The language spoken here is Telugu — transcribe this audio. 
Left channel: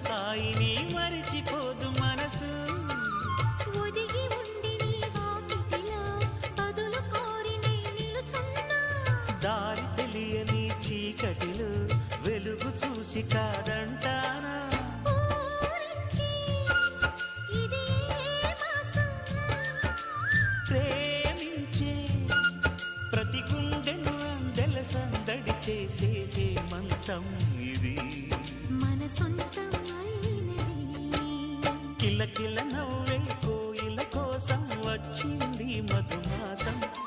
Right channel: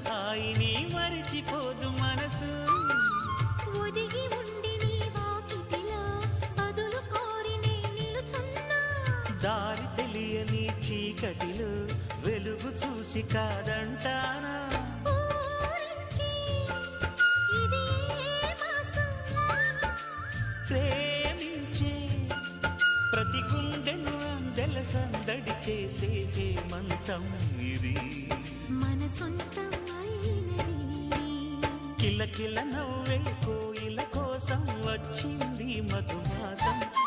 హాయిని మరిచిపోదు మనసు. ఒదిగి ఉండి నీ వాకిటిలో బదులు కోరి నే నిలుచున్నా. దారి తెలియని చీకటిలో వెలుగు చూసి కాదంటానా. ప్రేమించే ప్రతి గుండెను అందెల సందడి చేసే హేమంతం ఇది. మన సొంతం అయినది. కిలకిల నవ్వే కోయిల కోసం వచ్చింది మధుమాసం.